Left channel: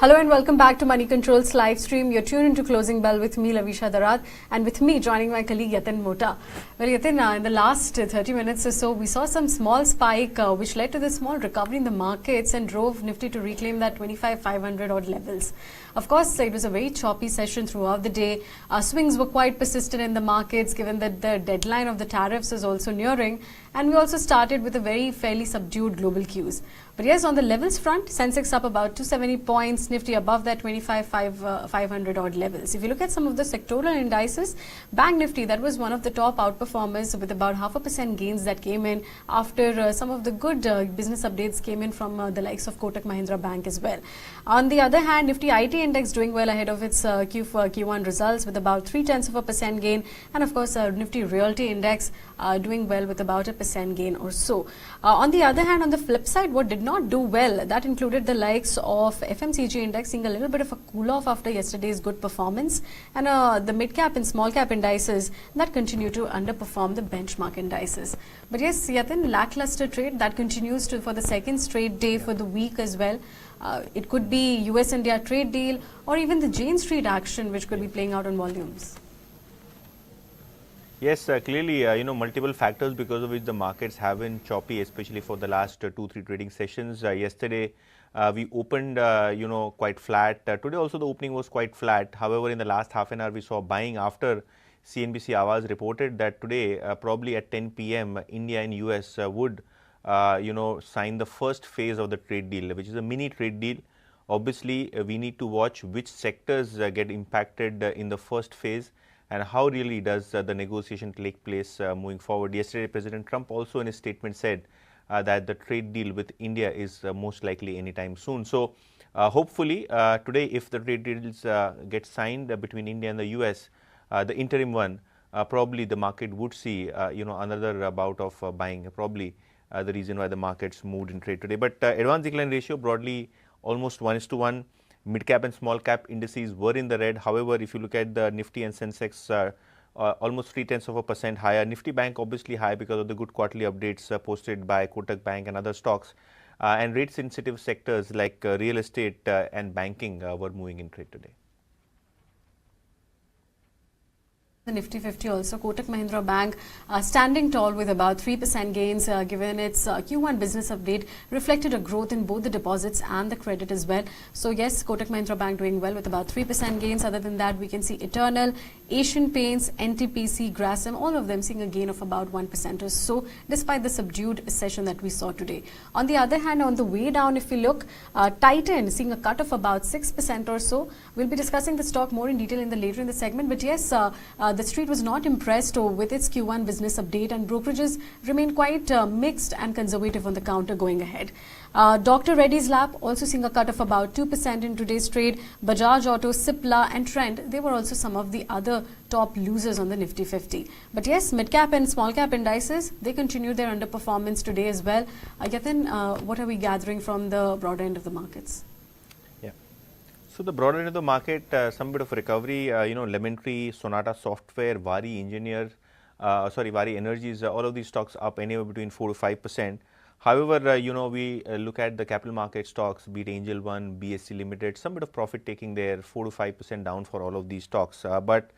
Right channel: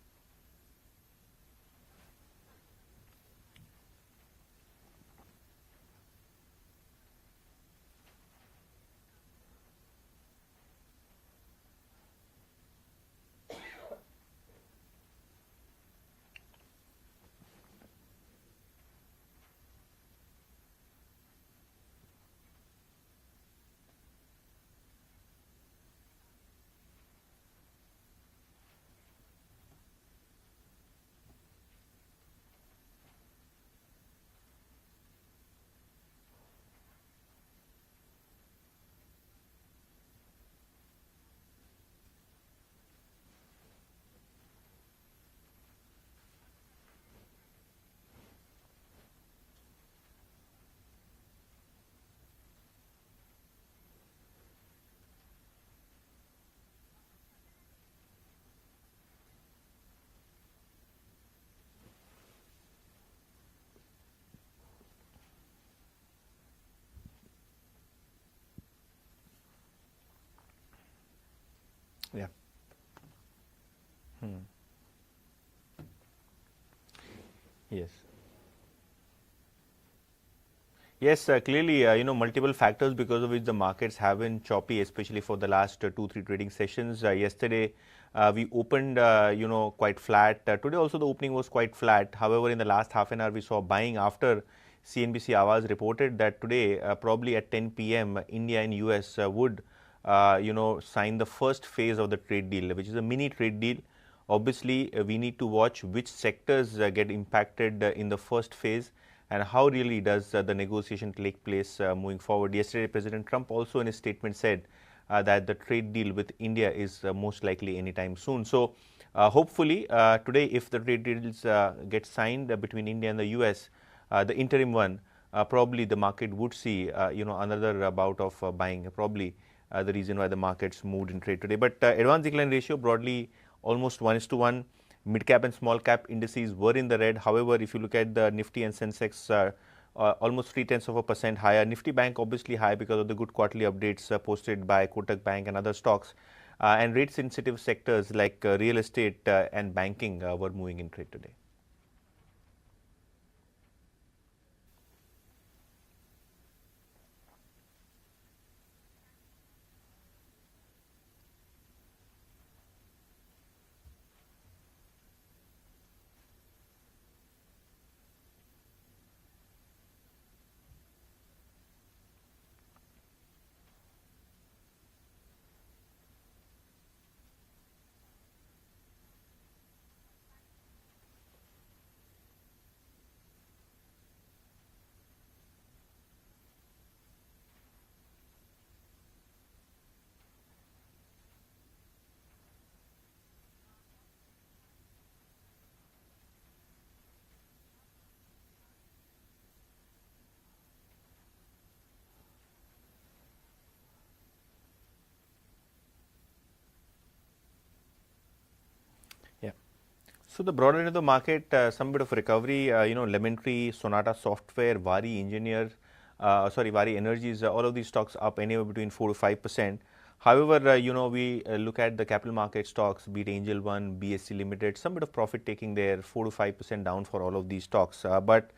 Hello and welcome back to Moneycontrol's live stream. You're tuned into Closing Bell with me, Lovisha, Darad, and with me joining my colleague Yatin, Mota. Well, Yatin, in the last 30 minutes or so, we saw some small spike which led to the small recovery in the markets and drove Nifty to reclaim that 25,500 odd levels. Of course, it was a very choppy session throughout the day. Swings were quite persistent in the markets given that the deadline of the tariffs is also nearing, and we also started with a fairly subdued global cues. But yes, on the levels front, Sensex up about 270 points, Nifty above that 25,500 odd levels. If you look at some of the sectoral indices, Bank Nifty, that was one of the top outperformers with about 0.5% gains that came in after some of the good business updates came in from the likes of Kotak Mahindra Bank as well. On the other hand, Nifty IT index doing well ahead of its Q1 results with about 0.3% gain, and of course Nifty Realty index doing well with about 1% gain or so. On the other hand, on the flip side, what did not do well, that included the likes of FMCG index seeing a little bit of a cool off after yesterday's good performance, and the mid cap and small cap indices that continue to underperform the benchmark indices. But yes, Yatin, lackluster trade that continues for the second straight day for the week as well. It could be US-India trade deal or even the Jane Street action which could be playing out on volumes. Yes, clearly, multiple factors because of which the markets have been choppy, especially for the last 2-3 trading sessions. Yesterday, we opened, quite flat. Today also the opening was quite flat. However, in the last half an hour, we saw buying after CNBC Awaaz reported that today, probably at 10 p.m., India and US would, sign the first phase of the trade deal, which is a mini trade deal. Obviously, we need to watch which sectors get impacted in the first phase, and how really does the negotiation take place moving forward. Yesterday, President Trump also in his statement said that the trade deal with India is most likely anytime soon. So, hopefully, today, if the trade deals get signed between India and the US, the interim one, probably the market would see, another bout of buying, probably the reason why the markets moved in trade today. But advance decline ratio broadly almost 1:1. Mid cap and small cap indices were in the red. However, if you look at the Nifty and Sensex, almost 0.3% higher. Nifty Bank obviously high because of the good quarterly updates posted by Kotak Bank and other stocks. And rate sensitive sectors like real estate and banking were moving in trade today. The Nifty 50 also, Kotak Mahindra Bank standing tall with about 3% gains given its Q1 business update reflected a growth in both the deposits and the credit as well. So yes, Kotak Mahindra Bank doing well with about 3% gains. Other than that, we can see Eternal, Asian Paints, NTPC, Grasim, all of them seeing a gain of about 1% or so despite the subdued session that we saw today. On the other hand, on the way down, if we look, Titan seeing a cut of about 6% or so. We'll be discussing the stock more in detail later in the segment, but yes, the street was not impressed with its Q1 business update, and brokerages remain quite mixed and conservative on the counter going ahead. Dr. Reddy's Lab also seeing a cut of about 2% in today's trade. Bajaj Auto, Cipla and Trend, they were also some of the other top losers on the Nifty 50. But yes, mid-cap and small-cap indices, they continue their underperformance today as well. Yatin, what are we gathering from the broader end of the markets? So the broader end of the market, some bit of recovery, Lemon Tree, Sonata Software, Vari Energies, all of these stocks up anywhere between 4 to 5%. However, we look at the capital market stocks, be it Angel One, BSC Limited, some bit of profit taking there, 4 to 5% down for all of these stocks. But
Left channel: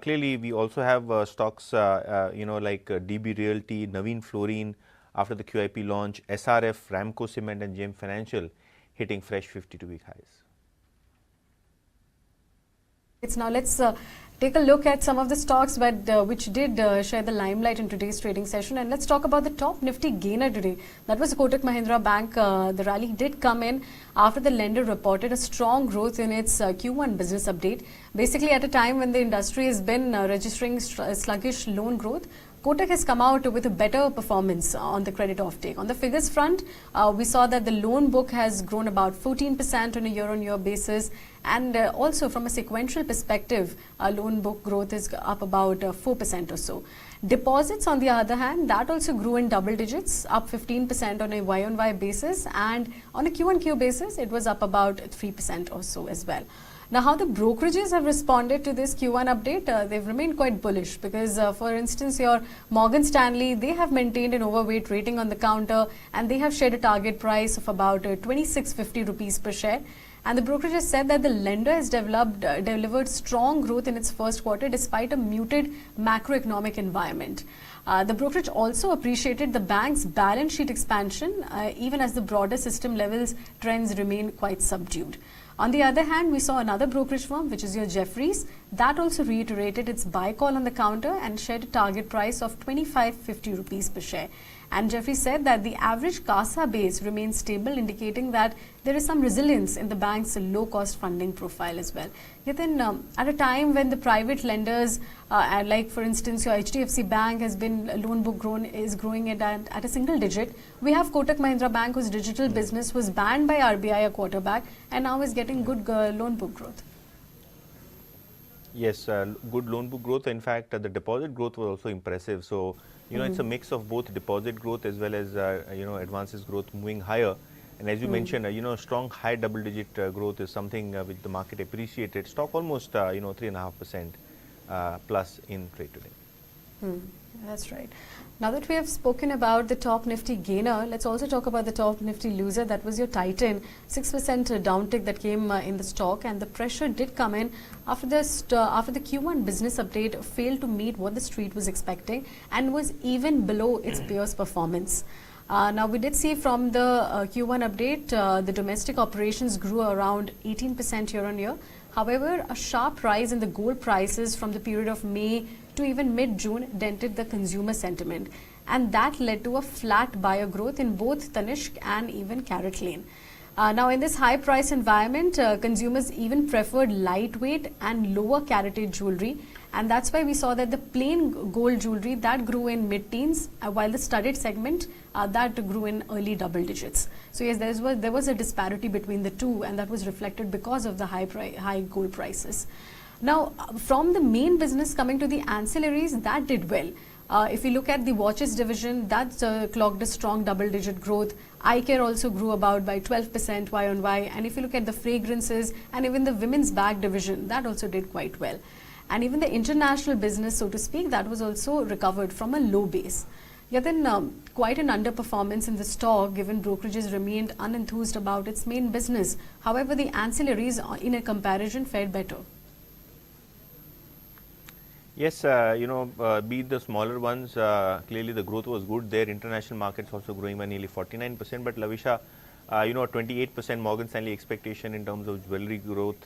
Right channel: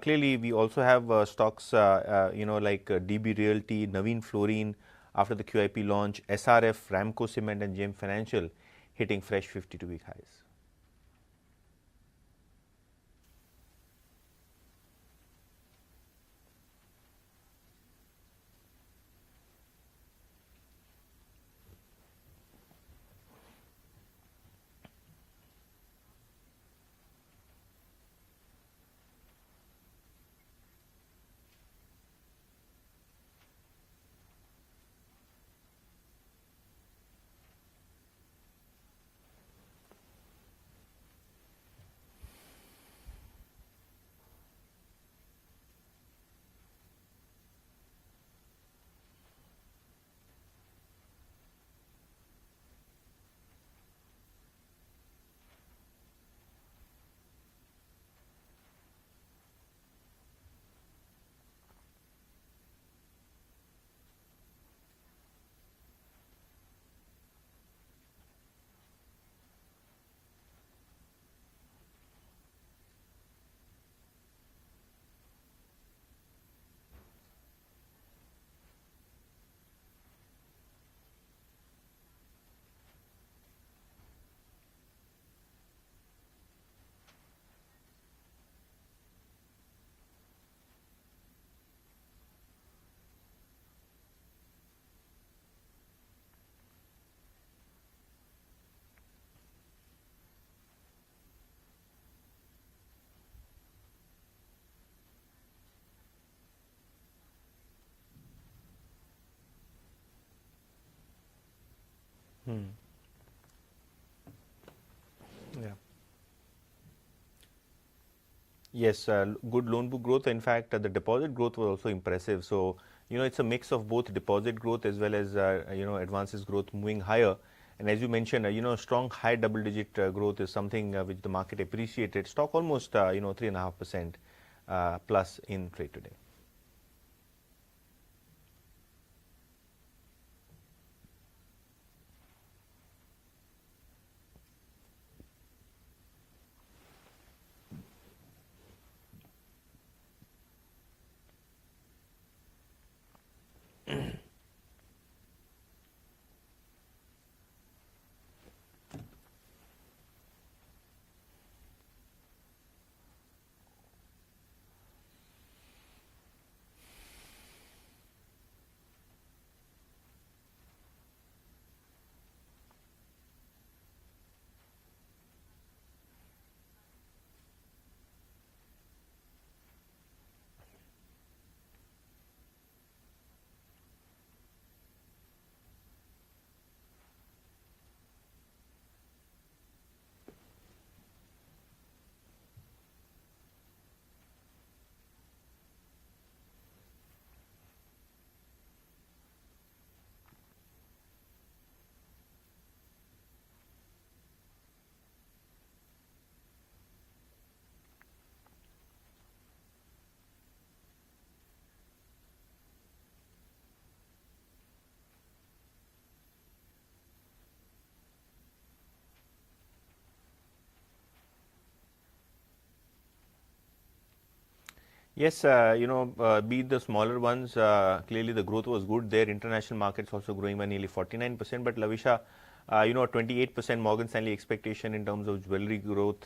clearly, we also have stocks, like DB Realty, Naveen Fluorine after the QIP launch, SRF, Ramco Cement and JM Financial hitting fresh 52-week highs. Now let's take a look at some of the stocks which did share the limelight in today's trading session, and let's talk about the top Nifty gainer today. That was Kotak Mahindra Bank. The rally did come in after the lender reported a strong growth in its Q1 business update. Basically, at a time when the industry has been registering sluggish loan growth, Kotak has come out with a better performance on the credit offtake. On the figures front, we saw that the loan book has grown about 14% on a year-on-year basis, and also from a sequential perspective, loan book growth is up about 4% or so. Deposits, on the other hand, that also grew in double digits, up 15% on a Y-on-Y basis, and on a Q-on-Q basis, it was up about 3% or so as well. Now, how the brokerages have responded to this Q1 update, they've remained quite bullish because, for instance, your Morgan Stanley, they have maintained an overweight rating on the counter, and they have shared a target price of about 26.50 rupees per share. And the brokerage has said that the lender has delivered strong growth in its first quarter despite a muted macroeconomic environment. The brokerage also appreciated the bank's balance sheet expansion, even as the broader system levels trends remain quite subdued. On the other hand, we saw another brokerage firm, which is your Jefferies, that also reiterated its buy call on the counter and shared a target price of 25.50 rupees per share. And Jefferies said that the average CASA base remains stable, indicating that there is some resilience in the bank's low-cost funding profile as well. Yatin, at a time when the private lenders, like for instance your HDFC Bank has been loan book is growing at a single digit, we have Kotak Mahindra Bank whose digital business was banned by RBI a quarter back and now is getting good loan book growth. Yes, good loan book growth. In fact, the deposit growth was also impressive. So, it's a mix of both deposit growth as well as, advances growth moving higher. And as you mentioned, strong high double-digit growth is something which the market appreciated. Stock almost, 3.5% plus in trade today. That's right. Now that we have spoken about the top Nifty gainer, let's also talk about the top Nifty loser. That was your Titan, 6% downtick that came in the stock, and the pressure did come in after the Q1 business update failed to meet what the street was expecting and was even below its peers' performance. Now we did see from the Q1 update, the domestic operations grew around 18% year on year. However, a sharp rise in the gold prices from the period of May to even mid-June dented the consumer sentiment, and that led to a flat buyer growth in both Tanishq and even CaratLane. Now in this high price environment, consumers even preferred lightweight and lower caratage jewelry, and that's why we saw that the plain gold jewelry that grew in mid-teens, while the studded segment that grew in early double digits. So yes, there was a disparity between the two, and that was reflected because of the high gold prices. Now, from the main business coming to the ancillaries, that did well. If you look at the watches division, that clocked a strong double-digit growth. Eye care also grew about by 12% Y on Y. And if you look at the fragrances and even the women's bag division, that also did quite well. And even the international business, so to speak, that was also recovered from a low base. Yatin, quite an underperformance in the stock given brokerages remained unenthused about its main business. However, the ancillaries in a comparison fared better. Yes, be it the smaller ones, clearly the growth was good there. International markets also growing by nearly 49%. But Lovisha, 28% Morgan Stanley expectation in terms of jewelry growth.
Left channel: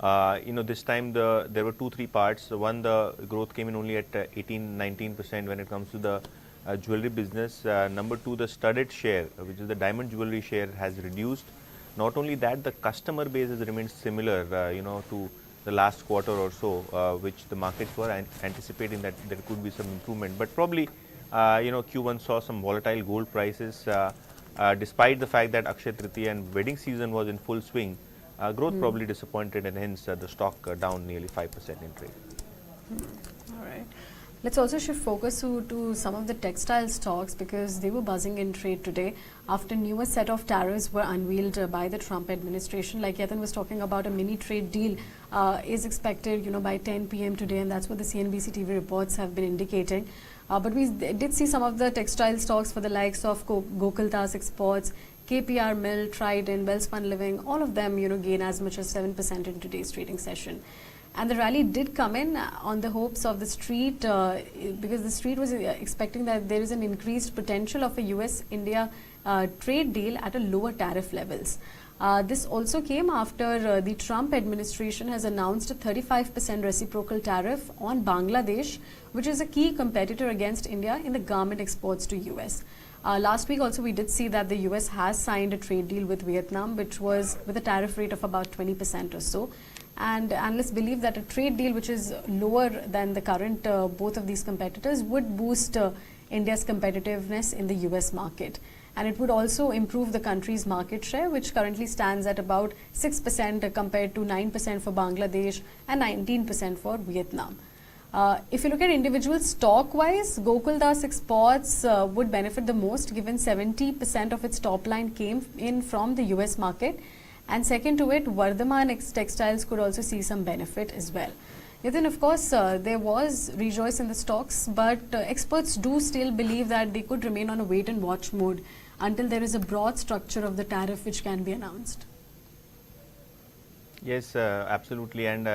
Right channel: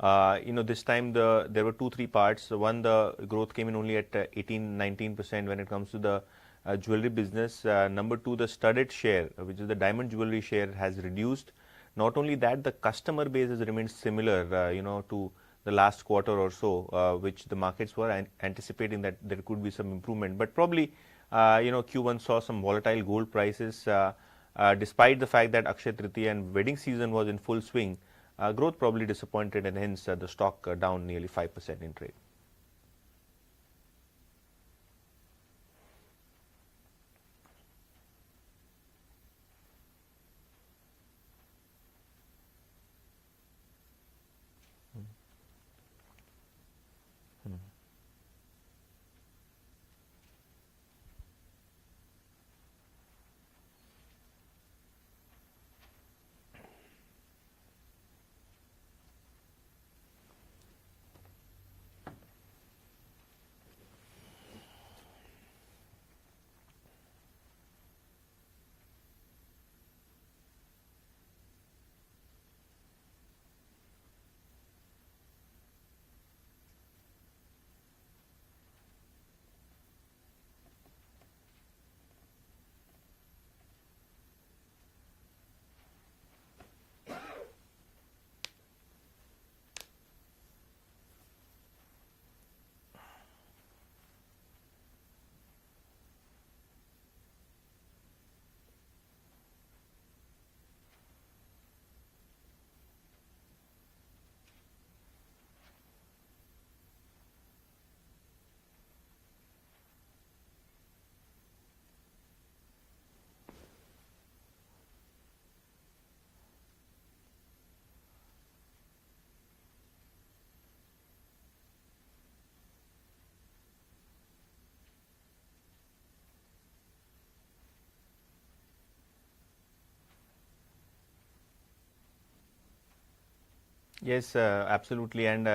This time there were 2-3 parts. One, the growth came in only at 18-19% when it comes to the jewelry business. Number two, the studded share, which is the diamond jewelry share, has reduced. Not only that, the customer base has remained similar, to the last quarter or so, which the markets were anticipating that there could be some improvement. But probably, Q1 saw some volatile gold prices, despite the fact that Akshaya Tritiya and wedding season was in full swing. Growth probably disappointed, and hence the stock down nearly 5% in trade. All right. Let's also shift focus to some of the textile stocks because they were buzzing in trade today after newer set of tariffs were unveiled by the Trump administration. Like Yatin was talking about, a mini trade deal is expected, by 10 p.m. today, and that's what the CNBC TV reports have been indicating. But we did see some of the textile stocks for the likes of Gokaldas Exports, KPR Mill, Trident, Welspun Living, all of them, gain as much as 7% in today's trading session. And the rally did come in on the hopes of the street because the street was expecting that there is an increased potential of a US-India trade deal at a lower tariff levels. This also came after the Trump administration has announced a 35% reciprocal tariff on Bangladesh, which is a key competitor against India in the garment exports to US. Last week also we did see that the US has signed a trade deal with Vietnam, which was with a tariff rate of about 20% or so. And analysts believe that a trade deal which is lower than the current both of these competitors would boost India's competitiveness in the US market. And it would also improve the country's market share, which currently stands at about 6% compared to 9% for Bangladesh and 19% for Vietnam. If you look at individual stock-wise, Gokaldas Exports would benefit the most given 70% of its top line came in from the US market. And second to it, Vardhaman Textiles could also see some benefit as well. Then, of course, there was rejoice in the stocks, but experts do still believe that they could remain on a wait-and-watch mode until there is a broad structure of the tariff which can be announced. Yes, absolutely. And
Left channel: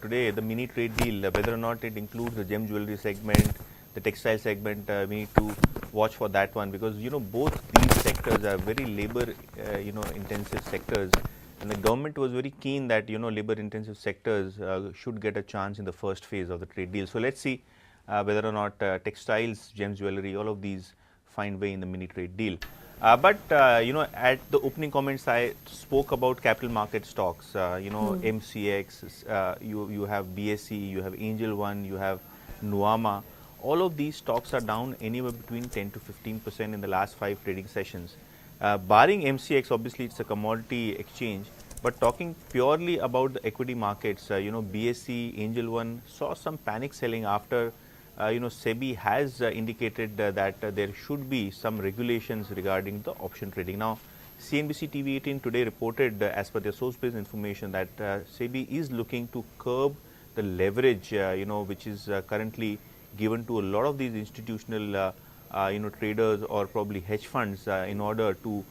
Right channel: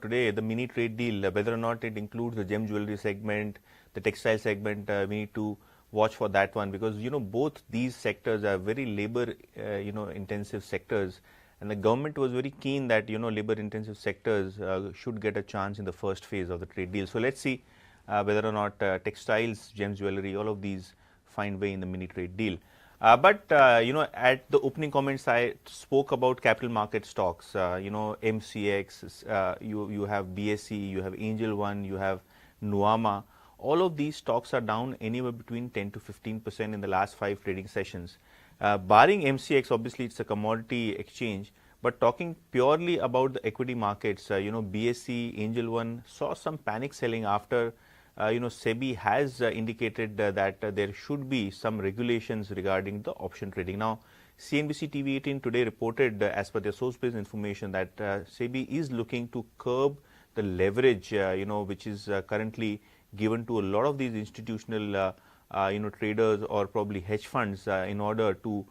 today the mini trade deal, whether or not it includes the gem jewelry segment, the textile segment, we need to watch for that one, because both these sectors are very labor intensive sectors, and the government was very keen that labor intensive sectors should get a chance in the first phase of the trade deal. So let's see whether or not textiles, gems jewelry, all of these find way in the mini trade deal. But at the opening comments, I spoke about capital market stocks. MCX, you have BSE, you have Angel One, you have Nuama. All of these stocks are down anywhere between 10 to 15% in the last 5 trading sessions. Barring MCX, obviously it's a commodity exchange. But talking purely about the equity markets, BSE, Angel One saw some panic selling after SEBI has indicated that there should be some regulations regarding the option trading. Now, CNBC TV 18 today reported, as per their source-based information, that SEBI is looking to curb the leverage, which is currently given to a lot of these institutional, traders or probably hedge funds in order to,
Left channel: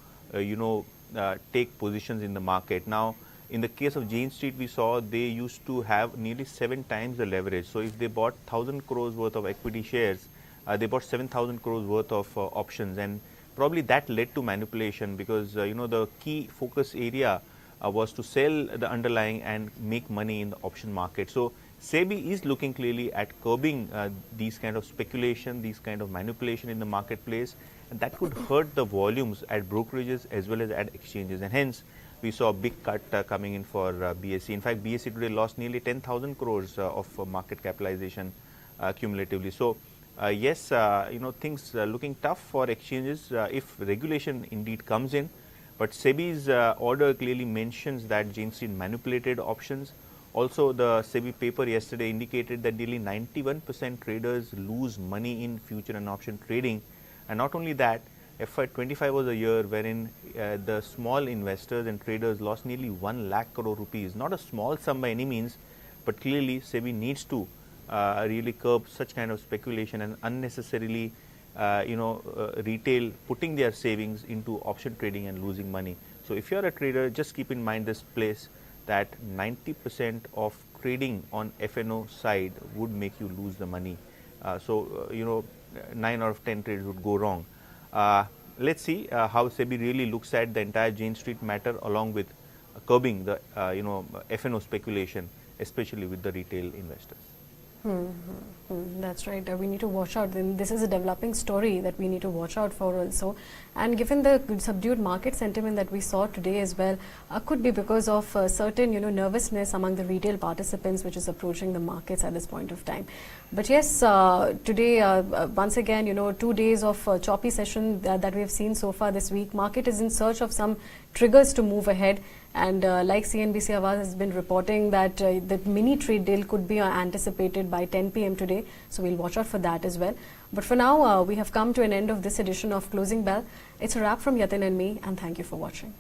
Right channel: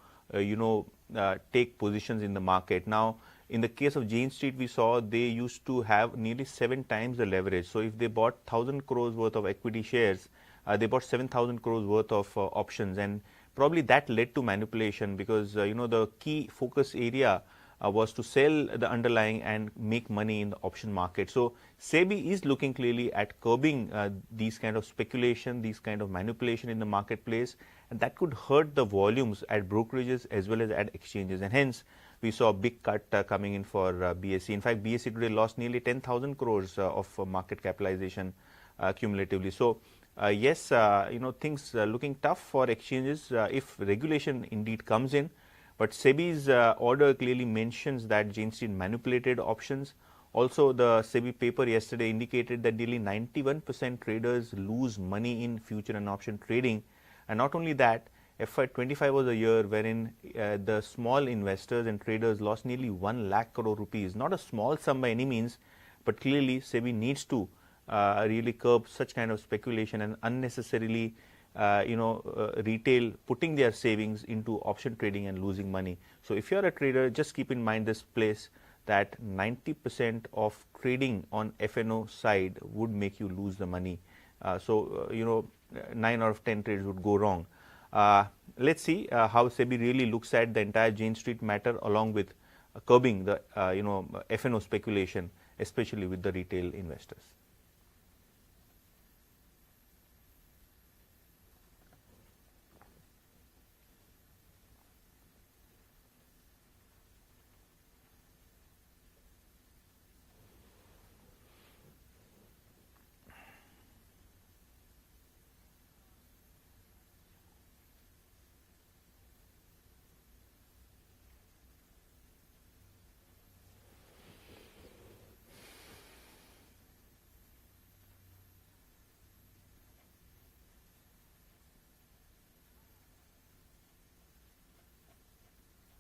take positions in the market. Now, in the case of Jane Street, we saw they used to have nearly 7 times the leverage. So if they bought 1,000 crores worth of equity shares, they bought 7,000 crores worth of options, and probably that led to manipulation, because the key focus area was to sell the underlying and make money in the option market. So SEBI is looking clearly at curbing these kind of speculation, these kind of manipulation in the marketplace, and that could hurt the volumes at brokerages as well as at exchanges, and hence we saw a big cut coming in for BSE. In fact, BSE today lost nearly 10,000 crores of market capitalization cumulatively. So yes, things looking tough for exchanges if regulation indeed comes in. But SEBI's order clearly mentions that Jane Street manipulated options. Also, the SEBI paper yesterday indicated that nearly 91% traders lose money in future and option trading. And not only that, FY25 was a year wherein the small investors and traders lost nearly 1 lakh crore rupees. Not a small sum by any means, but clearly SEBI needs to really curb such kind of speculation and unnecessarily retail putting their savings into option trading and losing money. So if you're a trader, just keep in mind this place, that 90% of trading on FNO side would make you lose the money. 9 out of 10 trades would go wrong. Let's see how SEBI really looks at the entire Jane Street matter, along with curbing the FNO speculation, especially with the retail investors. That's right. We need to watch out. This is a developing story that we need to watch out for also. And given the subdued market sentiment that we saw today as well, could be because of certain nervousness among the retail participants, which is approaching the markets at this point of time. But yes, today once again 2 days of choppy session that we have seen so far this week. Market is in search of some triggers to move ahead. And like CNBC Awaaz has been reporting that the mini trade deal could be anticipated by 10 p.m. today. So we'll watch out for that as well. But for now, we have come to an end of this edition of Closing Bell. It's a wrap from Yatin and me, and thank you for watching.